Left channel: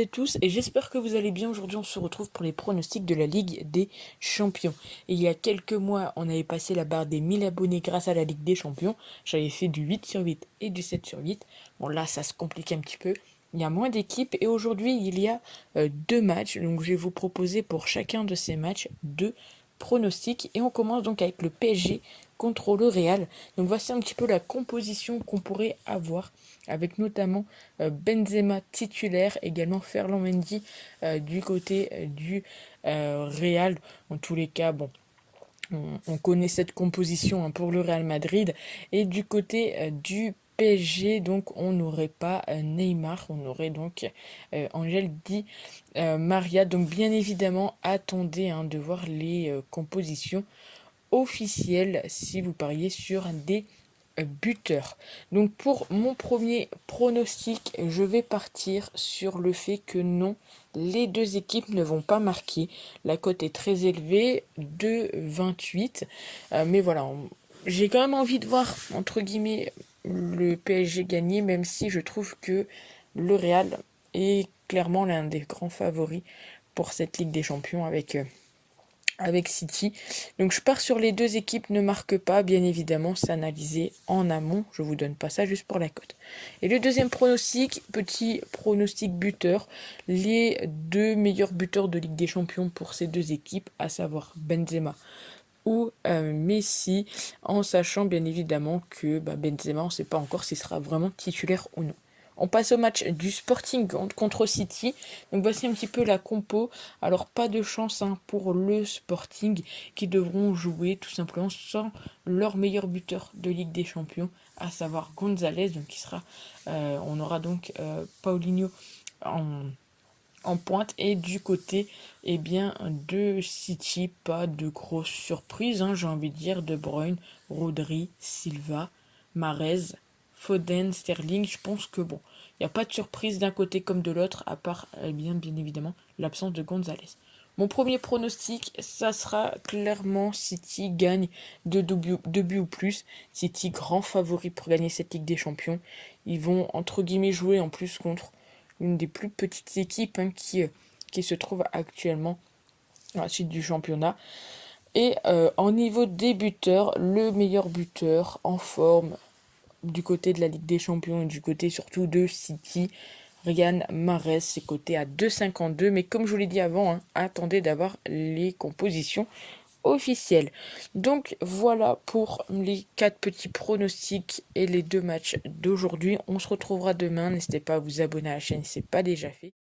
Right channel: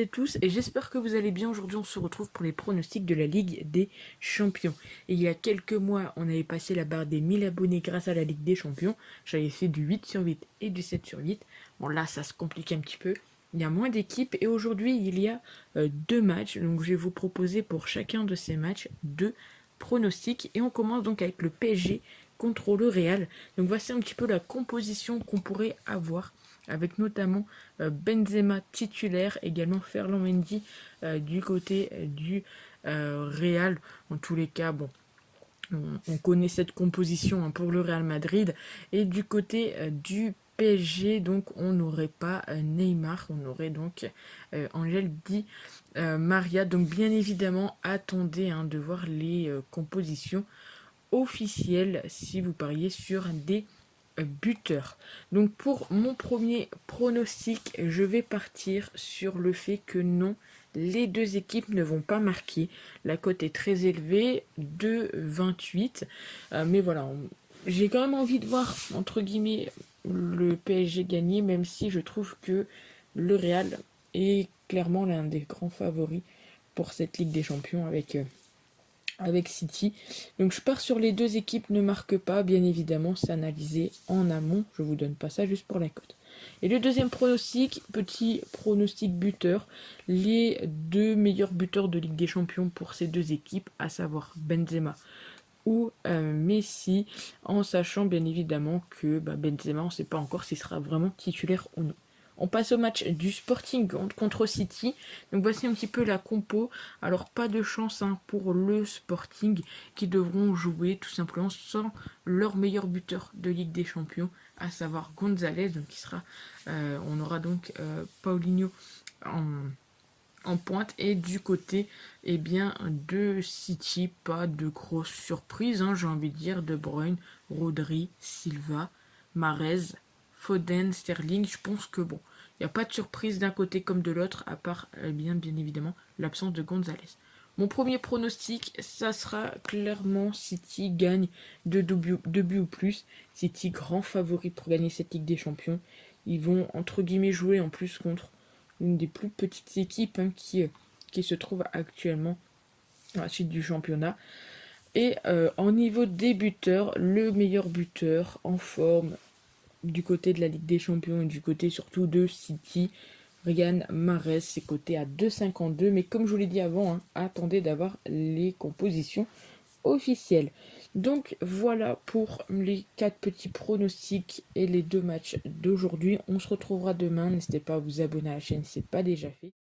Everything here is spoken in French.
et tous, et j'espère que vous allez bien. Aujourd'hui, on se retrouve pour les pronostics de la Ligue des Champions. Et il y a quelques mois, on avait passé la barre des 1000 abonnés grâce à la Ligue des Champions. J'avais fait du 8 sur 8 et du 7 sur 8. Bon, là, ça se complique un petit peu. Il y a moins d'équipes et aujourd'hui, il y a 2 matchs. Donc, je vais vous proposer pour chacun de ces matchs 2 pronostics. Et on commence donc avec le PSG contre le Real. Donc, voici un petit peu la composition qu'on pourrait avoir, avec notamment Benzema titulaire, également Ferland Mendy du côté du Real. En tous les cas, bon, on connaît cette composition pour le Real Madrid. Et du côté du PSG, donc on n'aurait pas Neymar, on aurait donc Angel Di Maria. Donc bien évidemment, attendez de voir les compositions officielles si vous pariez sur des buteur. Donc pour mon premier pronostic, je vais partir sur le fait que non, les deux équipes ne vont pas marquer. La cote est très élevée, de 28. Mais voilà, j'ai quand même envie de voir, entre guillemets, le PSG gagner, même si je trouve que le Real est clairement l'un des grands favoris pour cette Ligue des Champions avec City. Donc je pars sur les deux équipes ne marquent pas, bien évidemment, c'est analysé en amont, je vous donne pas ça juste pour la cote. Et le deuxième pronostic, petit pronostic buteur, les deux meilleurs buteurs de Ligue des Champions pour ces deux équipes, à savoir Benzema ou Messi, en sachant bien évidemment que Benzema, on ne sait pas encore s'il sera vraiment titulaire ou non. On passe au match du Sporting contre City. Donc voici un petit peu la compo. Alors pas de chance pour le Sporting qui devront jouer tout simplement sans leur meilleur buteur de Ligue des Champions, à savoir Gonzalez. Donc on aura donc Paulinho en pointe. Et du côté de City, pas de grosse surprise, j'ai envie de dire. De Bruyne, Rodri, Silva, Mahrez, Foden, Sterling. Je pense que bon, il n'y a pas de surprise d'un côté comme de l'autre, à part bien évidemment l'absence de Gonzalez. Mon premier pronostic, ça sera clairement City gagne de 2 buts ou plus. City grand favori pour gagner cette Ligue des Champions. Ils vont entre guillemets jouer en plus contre une des plus petites équipes qui se trouve actuellement à la suite du championnat. Et en niveau des buteurs, le meilleur buteur en forme du côté de la Ligue des Champions et du côté surtout de City, Riyad Mahrez, c'est coté à 2,52. Mais comme je vous l'ai dit avant, attendez d'avoir les compositions officielles. Donc voilà pour les 4 petits pronostics et les 2 matchs d'aujourd'hui. On se retrouvera demain. N'hésitez pas à vous abonner à la chaîne si ce n'est pas déjà fait.